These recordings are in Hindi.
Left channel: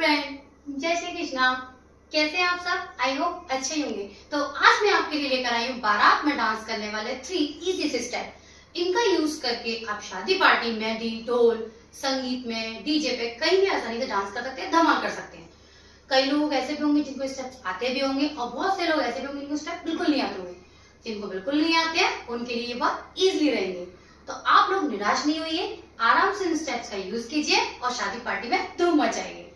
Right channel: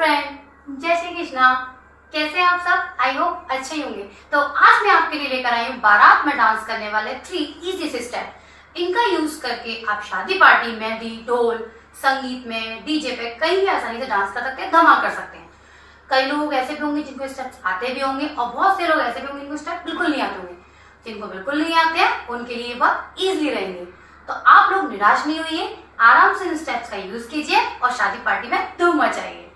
फ्रेंड, जय श्री कृष्णा। कैसे हैं आप सब? आई होप अच्छे ही होंगे। तो आज मैं आपके लिए लेकर आई हूँ बारात में डांस करने वाले 3 इजी स्टेप। इनका यूज करके आप शादी पार्टी, मेहंदी, ढोल, संगीत में, डीजे पे कहीं भी आसानी से डांस कर सकते हैं, धमाल कर सकते हैं। कई लोग ऐसे भी होंगे जिनको स्टेप्स आते भी होंगे और बहुत से लोग ऐसे भी होंगे जिनको स्टेप बिल्कुल नहीं आते होंगे। जिनको बिल्कुल नहीं आते हैं उनके लिए बहुत इजीली रहेंगे। तो आप लोग निराश नहीं होइए, आराम से इन स्टेप्स का यूज कीजिए और शादी पार्टी में धूम मचाइए।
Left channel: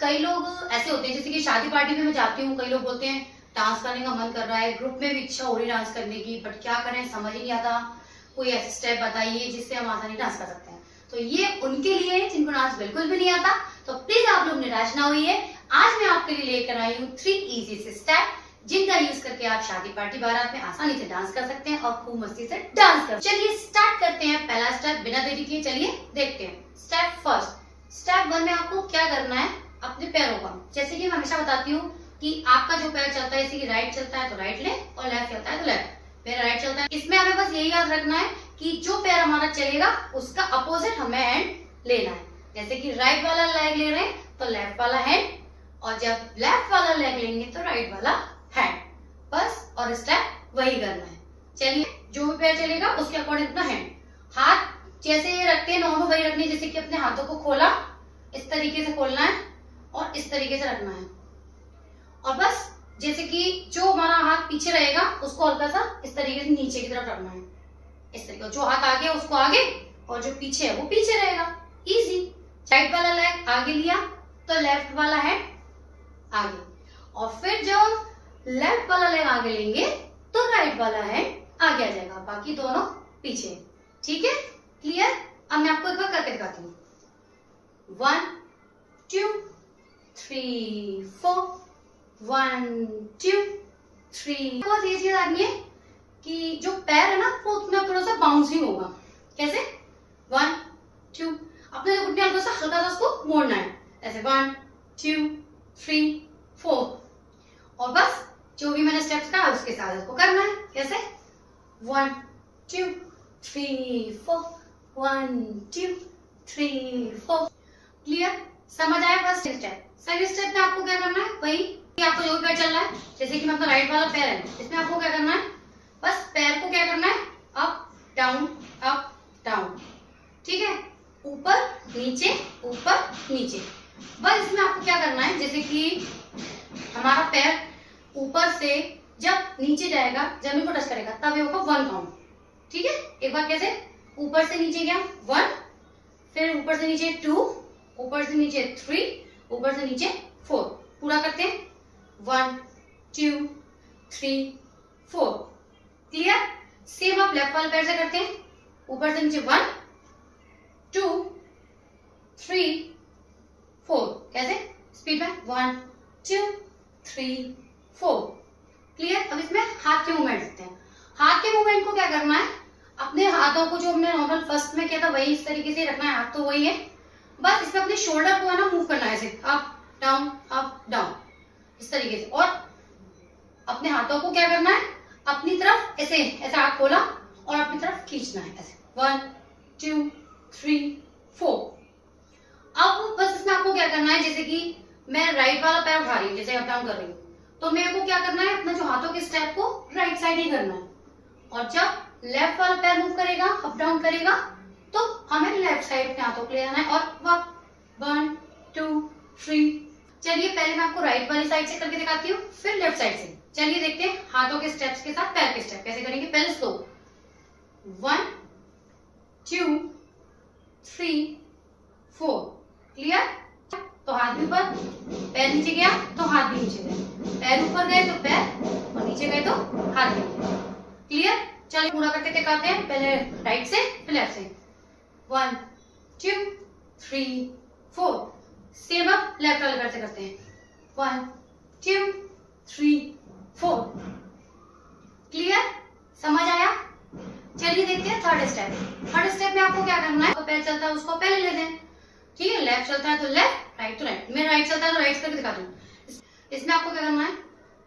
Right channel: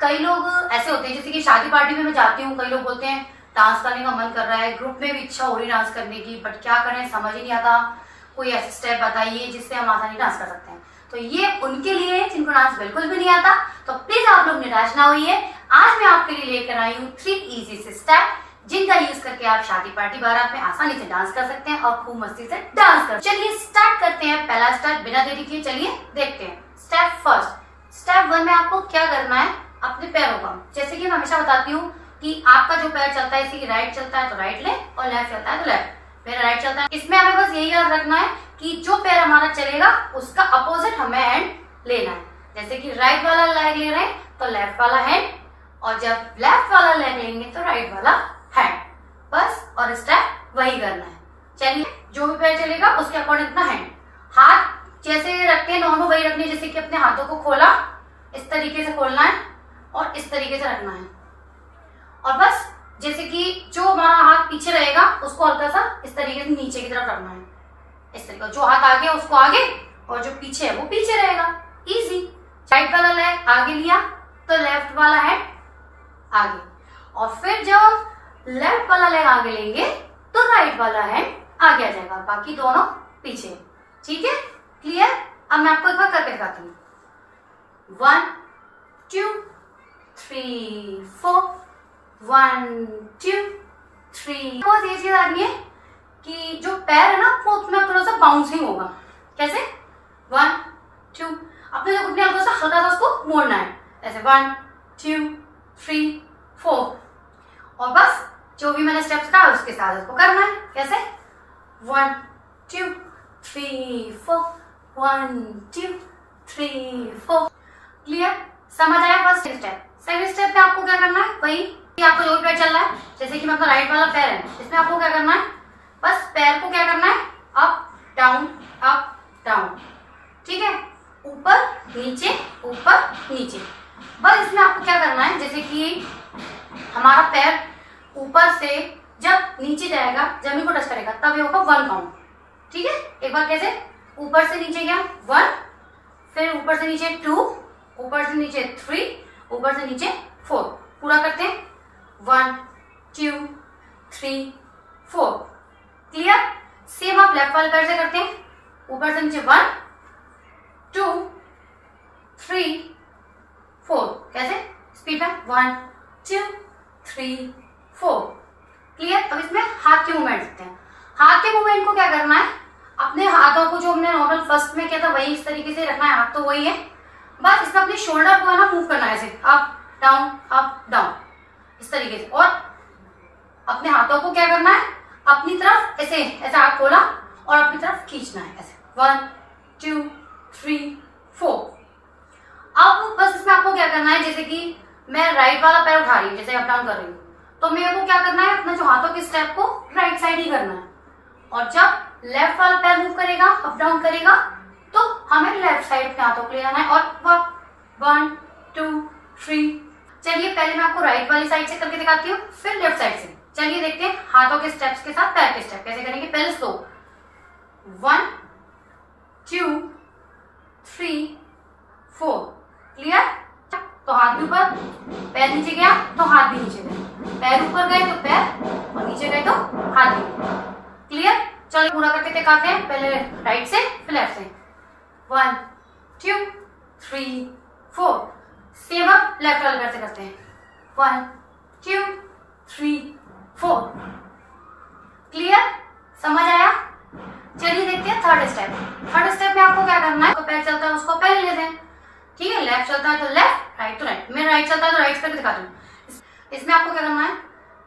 कई लोग ऐसे होते हैं, जैसे कि शादी पार्टी में मैं जाती हूँ, कई लोग बोलते हैं डांस करने का मन कर रहा है, ग्रुप में भी इच्छा हो रही है डांस करने की, बट क्या करें समझ ही नहीं आता। कोई ऐसे स्टेप बताइए जिससे हम आसानी डांस कर सकते हैं। तो ये उनके लिए है जिनको डांस बिल्कुल भी नहीं आता। तो प्लीज आप लोग निराश ना होइए। आज मैं आपके लिए लेकर आई हूँ 3 इजी से स्टेप जिनका यूज करके आप शादी पार्टी बारात में आसानी से डांस कर सकते हैं और खूब मस्ती से डांस कर। चलिए स्टार्ट करते हैं। पहला स्टेप बिना देरी किए चलिए देखते हैं। स्टेप फर्स्ट, स्टेप 1 में आपको क्या करना है, अपने पैरों का, जैसे कि मैं हमेशा बताती हूँ कि आपका जो पैर चलता है, जैसे कि राइट चलता है तो राइट ले और लेफ्ट चलता है तो लेफ्ट। मेरा राइट चलता है, इसमें हमें बस यही याद रखना है कि जो पैर हमारा चलेगा उसका अपोजिट हमें हैंड लेना है। जैसे कि राइट वाला लेग ले रहे हैं तो लेफ्ट वाला हैंड, और जब लेफ्ट वाला लेग लेंगे तो राइट वाला हैंड, बस। और स्टेप वही करना है। चलिए, जो भी पैर चलेगा उसके अकॉर्डिंग अपना हैंड, हाथ जैसे रखते हैं नॉर्मल वही रखने, जैसे कि अपने हाथों को खोला, इस तरीके से खोलना है और इस तरीके से रखना है। और बस जैसे कि जो हमारा हाथ पीछे रहेगा उसको हल्का सा इस तरीके से नीचे की तरफ रखना है, इस तरीके। जो हाथ आगे है उसको आगे और जो पीछे है वो पीछे रहेगा। इजी। राइट वाला लेग आगे लिया तो लेफ्ट वाला हैंड आगे, और फिर जब लेफ्ट वाला लेग आगे लेंगे तो राइट वाला हैंड आगे आ जाएगा, बाकी दोनों पीछे। ठीक है, क्लियर? अब मैं आपको एक बार करके दिखाती हूँ। 1 2 3 4 1 2 3। बहुत ये चीज आनी है कि जो पैर है ना वो उसमें थोड़ा सा बाउंसिंग होगा। कैसे? 1 2, अपने जो घुटने हल्का सा उसको मोड़ना है, ऐसे 1 2 3 4, और बस जो भी मैंने स्टेप्स कहा उसके साथ उसको करना है। कैसे? 1 2 3 4 1 2 3 4। क्लियर? समझ आया फर्स्ट स्टेप? सेकंड स्टेप में आपको क्या करना है, वही आपको जो भी पैर चल रहा है, जैसे कि मतलब राइट वाला पैर है, इसमें आपको क्या करना है, बस पैर को क्या करना है, अप डाउन अप डाउन। ठीक है, ऊपर नीचे ऊपर नीचे। बस इसमें आपको क्या करना है, जैसे कि हमारा पैर ऊपर से जब नीचे जाएगा, जमीन को टच करेगा, तब ये होगा 1 काउंट। ठीक है, एक बार कैसे, ऊपर से नीचे गया 1, फिर ऊपर से नीचे 2, ऊपर से नीचे 3, ऊपर से नीचे 4। पूरा करते हैं 1 2 3 4। क्लियर? सेम आप लेफ्ट वाले पैर से करते हैं, ऊपर से नीचे 1 2 3 4। कैसे? स्पीड में 1 2 3 4। क्लियर? अब इसमें हाथ के मूवमेंट देखते हैं। हाथ के मूवमेंट को क्या करना है, अपने हाथों को जो हमने नॉर्मल फर्स्ट में किया था वही इस तरीके से रखना है, हाथ तो वही है, बस इसमें अपनी शोल्डर को है ना मूव करना है, ऐसे अप डाउन इस तरीके से। और अपने हाथों को क्या करना है, अपनी तरफ ऐसे ऐसे हाथ खोला और अपनी तरफ खींचना है, ऐसे 1 2 3 4। अब बस इसमें आपको क्या करना है, जैसे कि मैं राइट वाला पैर उठा रही हूँ, जैसे अप डाउन कर रही हूँ, तो मेरे को क्या करना है, अपने जो हाथों के स्टेप को राइट साइड ही करना है। और जब लेफ्ट वाला पैर मूव करेगा, अप डाउन करेगा, तो हमें लेफ्ट साइड के हाथों को ले जाना है। और 1 2 3। चलिए पहले मैं आपको राइट वाली साइड से करके दिखाती हूँ, फिर लेफ्ट साइड से। चलिए देखते हैं हाथों के स्टेप्स के साथ पैर के स्टेप कैसे करेंगे। पहले स्लो, 1 2 3 4। क्लियर? तो हाथ भी ऊपर, पैर नीचे गया तो हाथ भी नीचे गए, पैर ऊपर गए तो पैर, और नीचे गए तो हाथ भी गए। क्लियर? चलिए पूरा करके दिखाते हैं, पहले राइट से फिर लेफ्ट से। 1 2 3 4। सेम अब लेफ्ट वाले पैर से करते हैं, 1 2 3 4। क्लियर? समझ आया? चलिए देखते हैं थर्ड स्टेप। थर्ड स्टेप में आपको क्या करना है, तो पैर चलता है उसको पहले ले दें। ठीक है, लेफ्ट चलता है तो लेफ्ट, राइट तो राइट। मेरा राइट चलता है तो राइट करके दिखाती हूँ। इसमें आपको क्या करना है,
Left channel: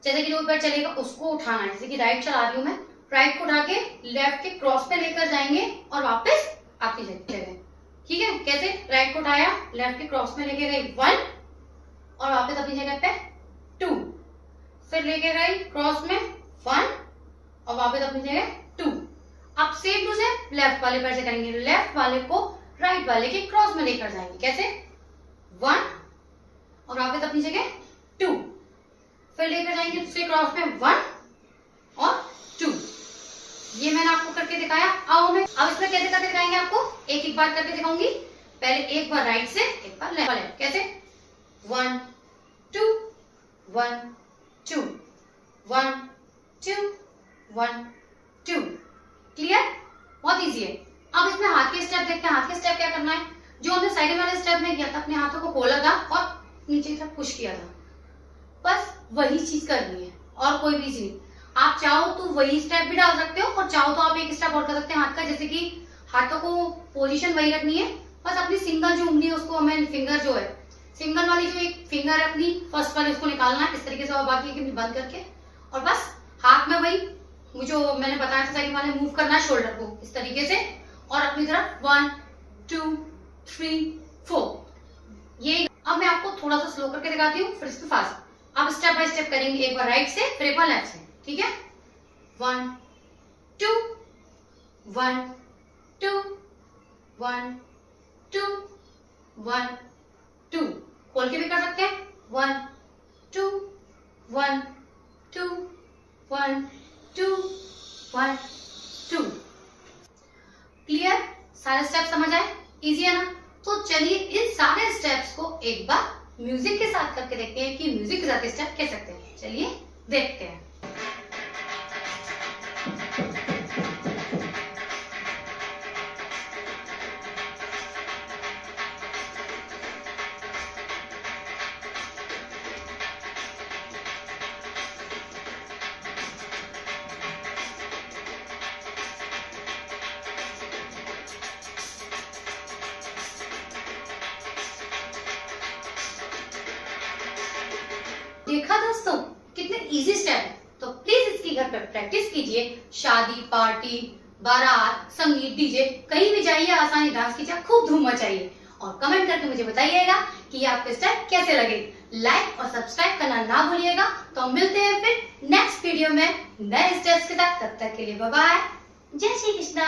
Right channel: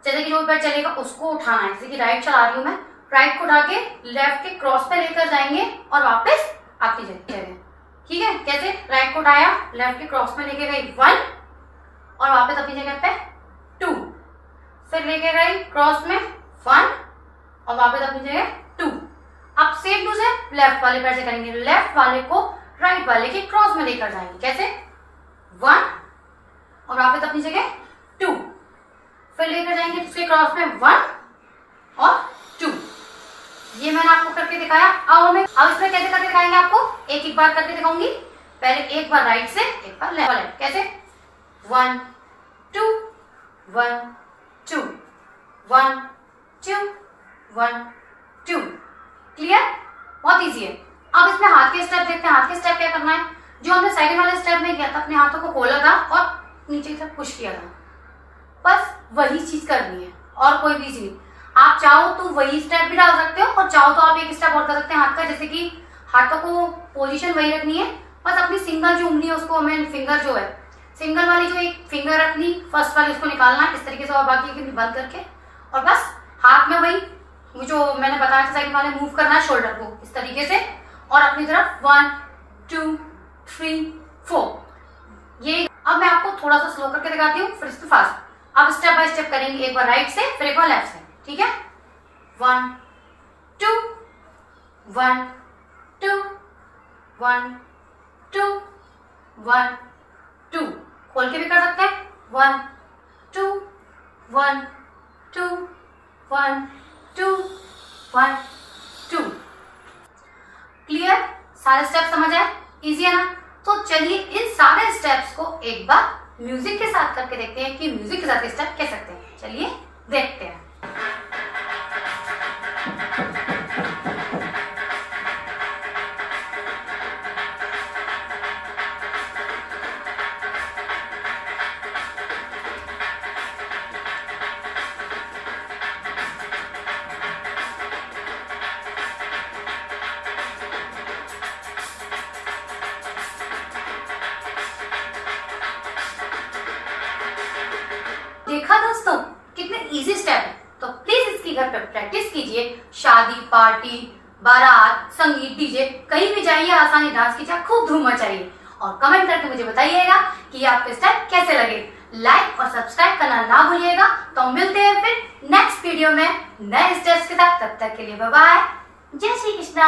जैसे कि जो पैर चलेगा उसको उठाना है, जैसे कि राइट चला रही हूँ मैं, राइट को उठा के लेफ्ट के क्रॉस पे लेकर जाएंगे और वापस आपकी जगह। ठीक है, कैसे? राइट को उठाया, लेफ्ट के क्रॉस में लेके गई 1 और वापस अपनी जगह पे 2, फिर लेके गई क्रॉस में 1 और वापस अपनी जगह 2। अब सेम टू सेम लेफ्ट वाले पैर से करेंगे, लेफ्ट वाले को राइट वाले के क्रॉस में लेकर जाएंगे। कैसे? 1 और वापस अपनी जगह 2, फिर लेकर जाएंगे दूसरे क्रॉस में 1 और 2। ये मैंने आपको करके दिखाया। अब इसमें कैसे करके दिखाएंगे आपको, एक एक बार करके दिखाऊंगी। पहले एक बार राइट से, एक बार लेफ्ट। कैसे? 1 2 1 2 1 2 1 2। क्लियर? बहुत इजी है। अब इसमें हाथ के स्टेप देखते हैं। हाथ के स्टेप क्या करना है, जो हमने साइड वाले स्टेप में किया था, अपने हाथों को खोला था और नीचे की तरफ पुश किया था, बस वही चीज करनी है और कोई भी चीज। आप चाहो तो वही स्टेप भी डाल सकते हो और चाहो तो आप एक स्टेप और कर सकते हैं हाथ का, जैसे कि हाथों को पोजीशन वही रखनी है, बस अपनी सिंगल जो उंगली है उसको हमें फिंगर जो है सिंगल वाली जो एक फिंगर रखनी, फर्स्ट वाली उसको निकालना है इस तरीके से और बाकी की बंद करके, और बस हाथ में वही जो मैंने बताया था साइड वाले मूव करना है शोल्डर को इस तरीके से और अपनी तरफ 1 2 3 4। ये अब मैं आपको थोड़ा सा स्लो करके दिखाती हूँ, फिर इसको फास्ट। अब स्टेप बाय स्टेप करेंगे, एक बार राइट से फिर एक बार लेफ्ट से। ठीक है? 1 2 1 2 1 2 1 2। खोल के भी कर सकते हैं, 1 2 1 2 1 2 1 2। क्लियर? सारे स्टेप समझ आए? इजी है ना? तो चलिए इन सारे स्टेप्स को एक बार म्यूजिक के साथ करके देखते हैं कि म्यूजिक के साथ स्टेप कैसे सकते हैं। चलिए देखते हैं। देखा दोस्तों कितने इजी स्टेप है, तो प्लीज इसकी घर पे प्रैक्टिस कीजिए। शादी, पार्टी, बारात, संगीत, डीजे, कहीं भी जाइए, आसानी डांस कीजिए, खूब धूम मचाइए और कमेंट करके मुझे बताइएगा कि आपको स्टेप कैसे लगे। लाइक और सब्सक्राइब करना ना भूलिएगा। तो मिलते हैं फिर नेक्स्ट वीडियो में नए स्टेप्स के साथ। तब तक के लिए बाय बाय। जय श्री कृष्णा।